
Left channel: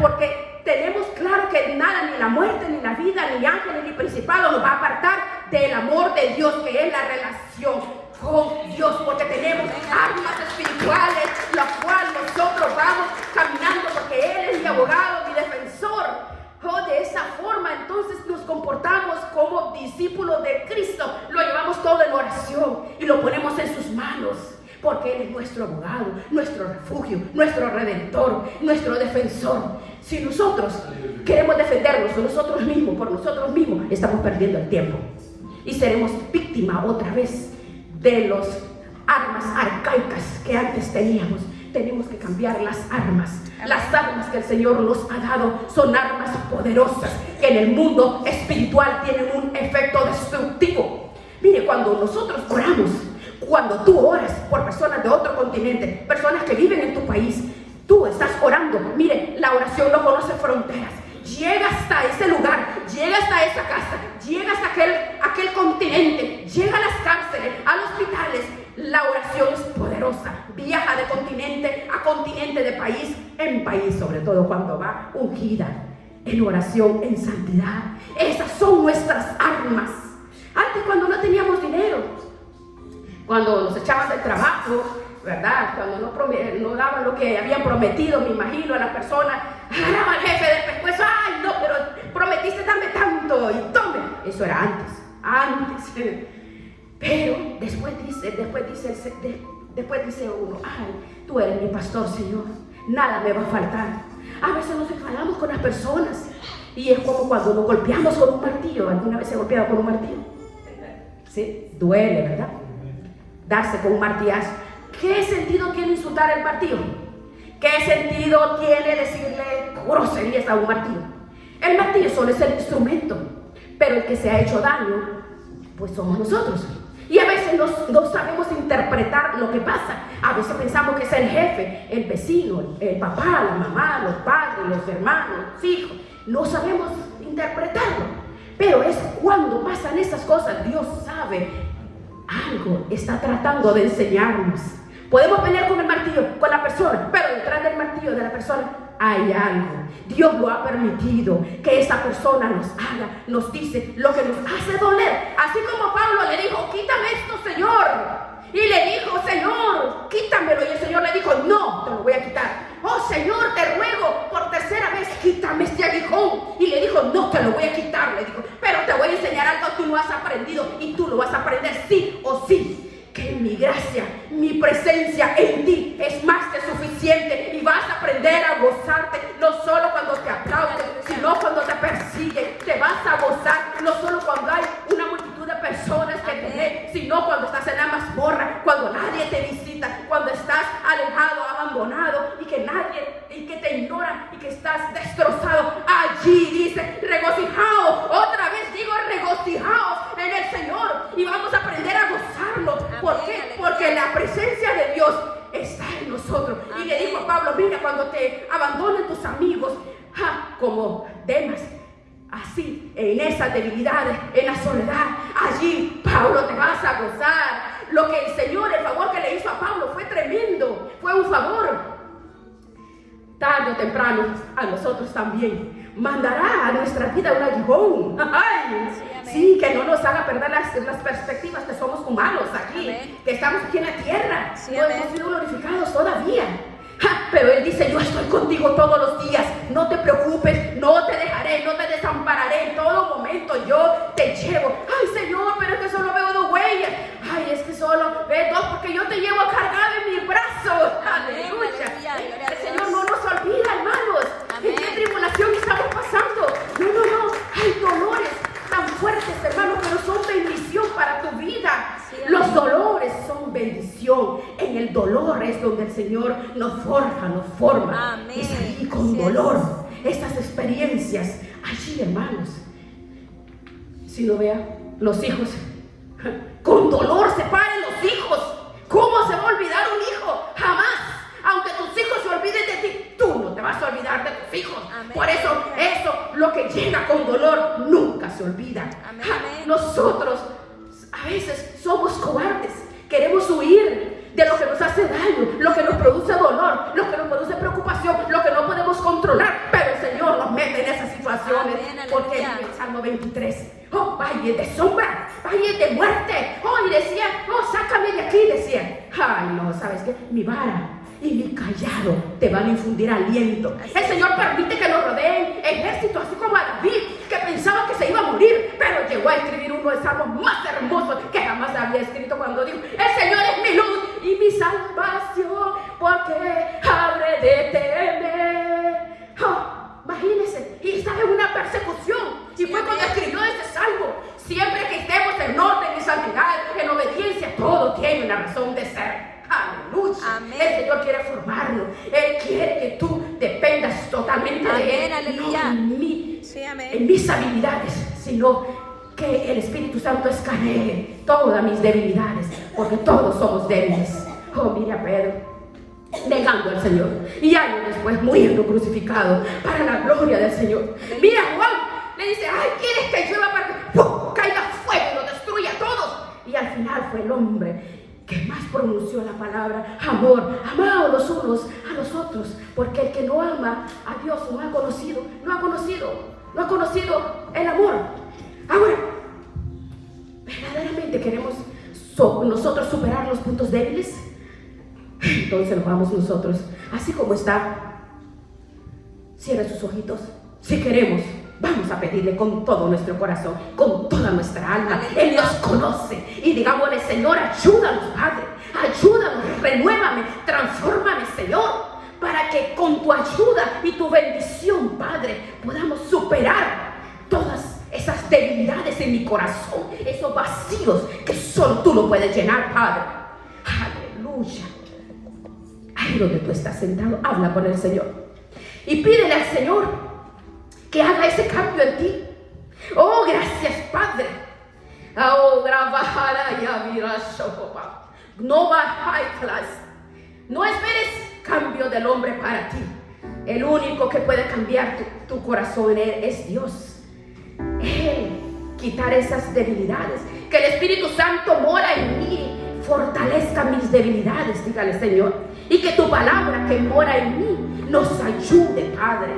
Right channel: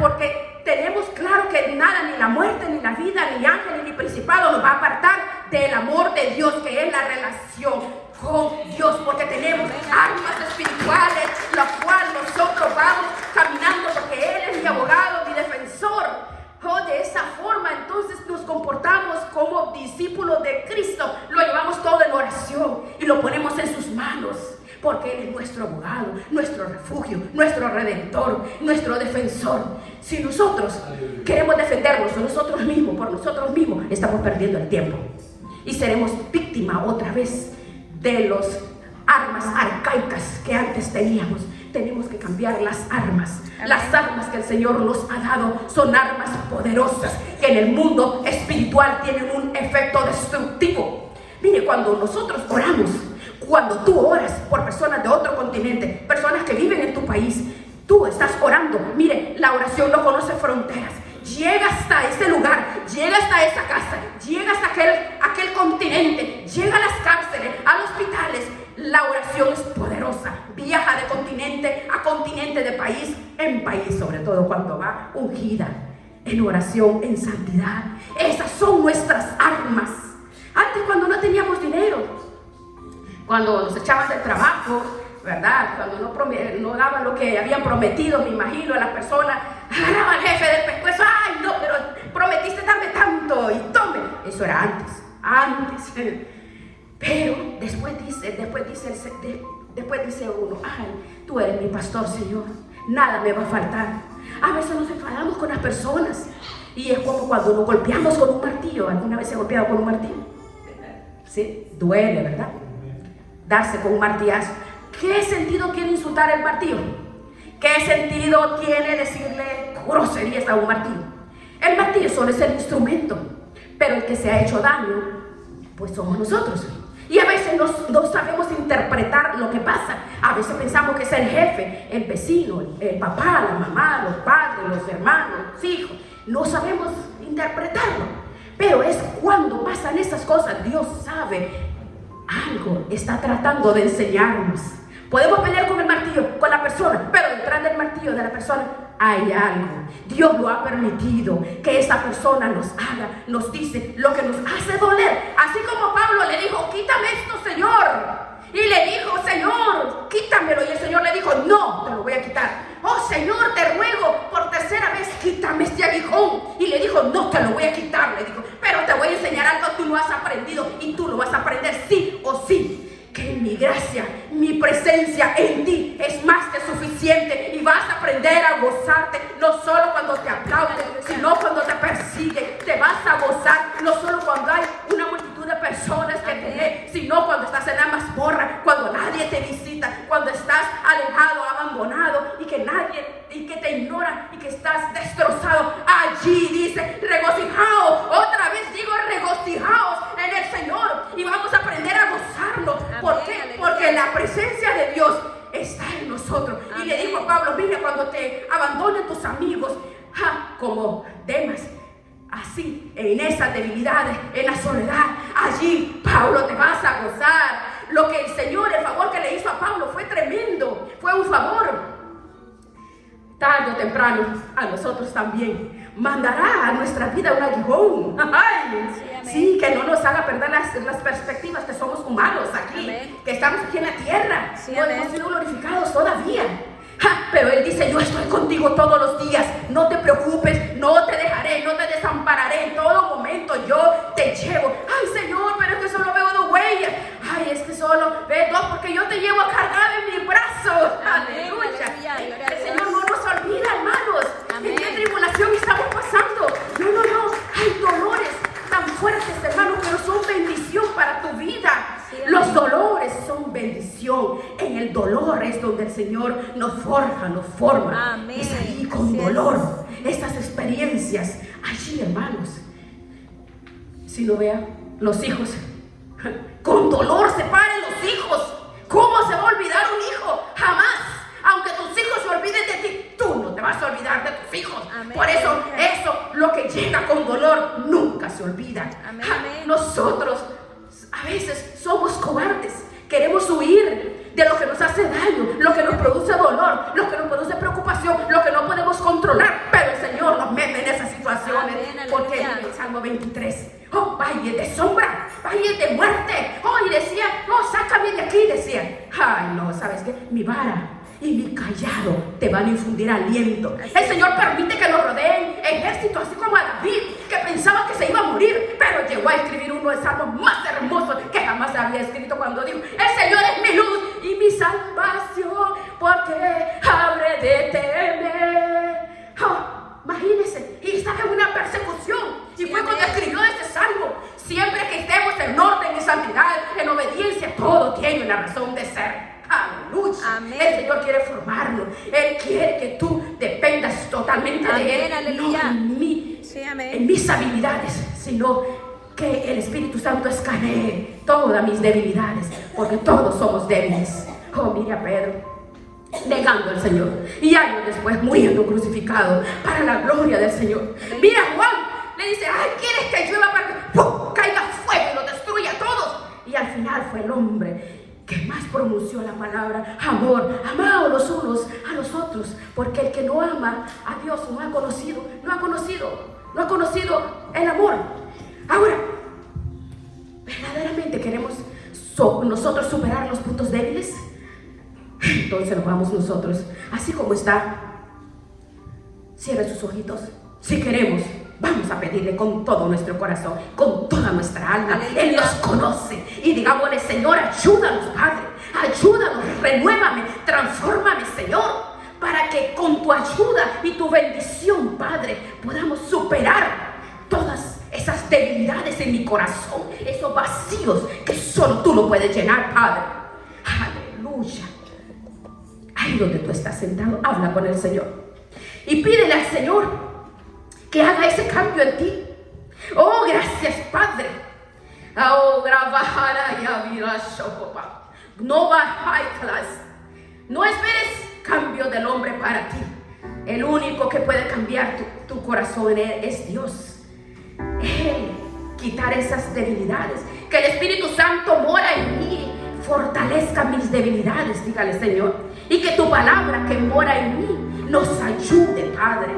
porque tenemos claro que nada, ni la muerte, ni la vida, ni ángeles, ni principado nos va a apartar del amor de Dios, que es la relación con Dios, porque tenemos armas espirituales, las cuales nosotros vamos caminando, porque Él es mi abogado, mi defensor. De esa forma entonces nos comportamos como discípulos de Cristo, lo llevamos todo en oración y lo ponemos en sus manos, porque Él es nuestro abogado, nuestro refugio, nuestro redentor, nuestro defensor. Si nosotros queremos defendernos nosotros mismos, por nosotros mismos, estamos perdiendo el tiempo y seremos víctimas otra vez de las armas arcaicas que antes teníamos. Tenemos que cambiar las armas. Las armas que el Señor nos ha dado son armas poderosas que en el mundo espiritual tienen un efecto destructivo. Mire, cuando nosotros oramos, cuando tú oras por personas de otro continente, personas que viven en tu país, tú estás orando. Mire, la oración no conoce fronteras. Llega hasta ese lugar, llega hasta esa casa, llega hasta aquel continente, llega a las cárceles, a los hospitales. La oración es poderosa, viaja de continente a continente, de país en país, sobre todo cuando va ungida en oración, en santidad. Esas son nuestras armas. Antes, cuando no teníamos dinero, cuando nos echaban del trabajo, ¿verdad? Cuando no daban lo que habían prometido, me imagino, a las personas, al jefe del pescuezo, ay no, pero prometiste darme tanto y tome. Eso era antes. Pero después dice uno, ay, tú eres mi pastor, Señor, nada me va a faltar. A veces nos enfadamos con las personas y es como cuando nos golpeamos con un martillo. ¿Alguna vez se ha golpeado con un martillo? Sí, duele, ¿verdad? Darse con un martillazo. ¿Qué sentido tiene insultar el martillo? ¿Qué sentido tiene decirle groserías a un martillo? El martillo solo es el instrumento, pero el que se ha hecho daño, pues somos nosotros. Y a veces no sabemos interpretar lo que pasa. A veces pensamos que es el jefe, el vecino, el papá, la mamá, los padres, los hermanos, los hijos. No sabemos interpretarlo. Pero es cuando pasan esas cosas, Dios sabe, algo está tratando de enseñarnos. Podemos pelear con el martillo, con la persona, pero detrás del martillo de la persona hay algo. Dios lo ha permitido que esa persona nos haga, nos dice lo que nos hace doler. Así como Pablo le dijo, quítame esto, Señor. Y le dijo, Señor, quítamelo. Y el Señor le dijo, no, te lo voy a quitar. Oh, Señor, te ruego por tercera vez, quítame este aguijón. Y le dijo, no, te lo voy a quitar. Le dijo, pero te voy a enseñar algo que tú no has aprendido y tú lo vas a aprender sí o sí. Que mi gracia, mi presencia en ti es más que suficiente y vas a aprender a gozarte, no solo cuando te aplauden, sino cuando te persiguen. Te vas a gozar, no solo cuando hay una multitud de personas que te ven, sino cuando estás en la mazmorra, cuando nadie te visita, cuando estás alejado, abandonado y que te ignoran y que estás destrozado. Allí dice, regocijaos, otra vez digo, regocijaos en el Señor y vamos a aprender a gozarlo. ¿Por qué? Porque la presencia de Dios está en nosotros. Y le dijo Pablo, mira, cuando te abandonen tus amigos, como Demas, así, en esas debilidades, en la soledad, allí, Pablo, te vas a gozar. Lo que el Señor, el favor que le hizo a Pablo fue tremendo, fue un favor. Tarde o temprano, a nosotros también mandará a nuestra vida un aguijón. Sí, que no nos haga perder las perspectivas, que somos humanos aquí, que estamos aquí en la tierra, no hemos sido glorificados todavía. Pero Él dice, yo estoy contigo todos los días, no te preocupes, no te dejaré, no te desampararé, en todo momento yo te llevo. Ay, Señor, pero es que solo veo dos huellas. Ay, es que solo veo dos, porque yo te llevo cargado en mi brazo. Aleluya. El Señor no nos olvida, hermanos. ¿En qué tribulación estamos pasando? No. Hay dolores tan fuertes, hermanos, que no son bendición para tu vida. Los dolores son bendición. En el dolor es donde el Señor nos forja, nos forma. Es allí con dolor. Esas experiencias, allí, hermanos. Si no vean, los hijos, con dolor se paran los hijos. ¿Cómo se va a olvidar un hijo? Jamás. Aunque tus hijos se olviden de ti, tú no te vas a olvidar de tus hijos. Por eso, lo que llega con dolor nunca se olvida. Nosotros a veces somos cobardes. Queremos huir de lo que nos hace daño, lo que nos produce dolor, lo que nos produce preocupación, lo que no podemos controlar. Pero el Señor nos mete en esas situaciones. Porque en el Salmo 23, oh, valle de sombra, valle de muerte. Oh, y decía, oh, sácame de aquí, decía. Ay, no, ¿sabes qué? Mi vara y mi callado te van a infundir aliento. El Señor permite que lo rodeen ejércitos, así como a David, que pensaba que se iba a morir, pero llegó a escribir uno de los salmos más hermosos que jamás había escrito, cuando dijo: el Señor es mi luz y mi salvación, porque habré de temer. Oh, imagínense, y estaba en una persecución, y fue cuando escribió este salmo. Siempre que estemos en orden y santidad, en obediencia, todo tiene una razón de ser. Aleluya. Amén. El Señor quiere formarlo. Él quiere que tú dependas totalmente de Él. Aleluya. No en mí, en mis habilidades, sino que el Espíritu Santo escanee todas mis debilidades, porque todos somos débiles. Oh, mira, Pedro, negando al Señor, y años después muriendo crucificado para la gloria del Señor. Mira, Juan le dice: ay, ¿quieres que yo caiga fuego y lo destruya a todos? Y al final fue el hombre que más pronunció la palabra amor. Amados los unos a los otros, porque el que no ama a Dios no ha conocido el amor. Ahora, ¿verdaderamente queremos nosotros superar los puntos débiles? Entonces vamos nosotros, así como está, cierre sus ojitos. Si queremos, vamos a pedirle con todo nuestro corazón, con toda nuestra alma. Él nos conoce y digámosle: Señor, ayúdanos, Padre, ayúdanos, renuévame, transfórmame, Señor, para que con tu ayuda y tu bendición, Padre, podamos superar todas esas debilidades en mi corazón, esos vacíos que solo tú lo puedes llenar, Padre. Aleluya. Ahí donde tú estás sentado, habla con el Señor y pídele al Señor que haga ese cambio en ti. Oh, gracias, Padre. Oh, no esperes cambio del hombre para ti. El único que puede cambiar tu corazón es Dios. Él quitar esas debilidades. Que el Espíritu Santo mora en mí, fortalezca mis debilidades, dígale, Señor. Y que tu palabra que mora en mí nos ayude, Padre,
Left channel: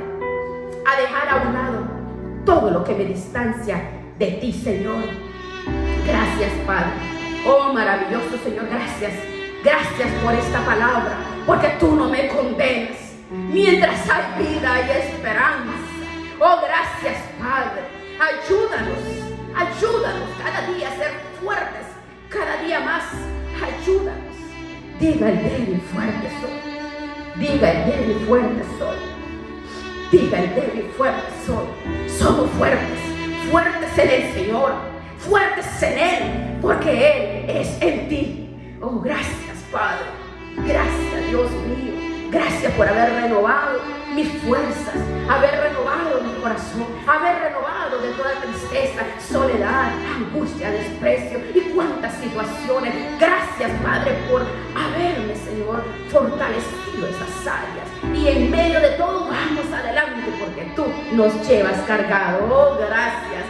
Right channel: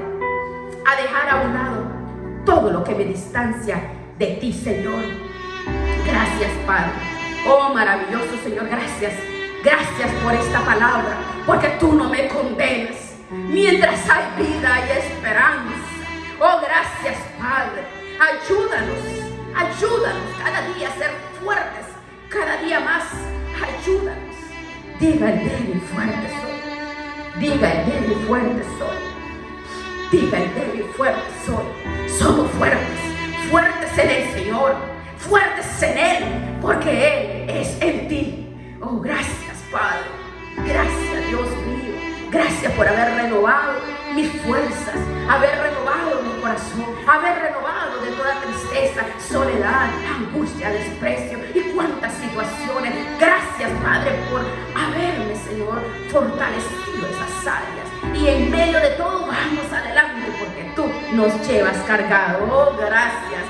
a dejar a un lado todo lo que me distancia de ti, Señor. Gracias, Padre. Oh, maravilloso Señor, gracias. Gracias por esta palabra, porque tú no me condenas. Mientras hay vida, hay esperanza. Oh, gracias, Padre. Ayúdanos cada día a ser fuertes, cada día más. Ayúdanos. Diga el débil y fuerte soy. Diga el débil y fuerte soy. Diga el débil y fuerte soy. Somos fuertes en el Señor, fuertes en Él, porque Él es en ti. Oh, gracias, Padre. Gracias, Dios mío. Gracias por haber renovado mis fuerzas, haber renovado mi corazón, haber renovado de toda tristeza, soledad, angustia, desprecio y cuántas situaciones. Gracias, Padre, por haberme, Señor, fortalecido esas áreas. Y en medio de todo vamos adelante, porque tú nos llevas cargado. Oh, gracias.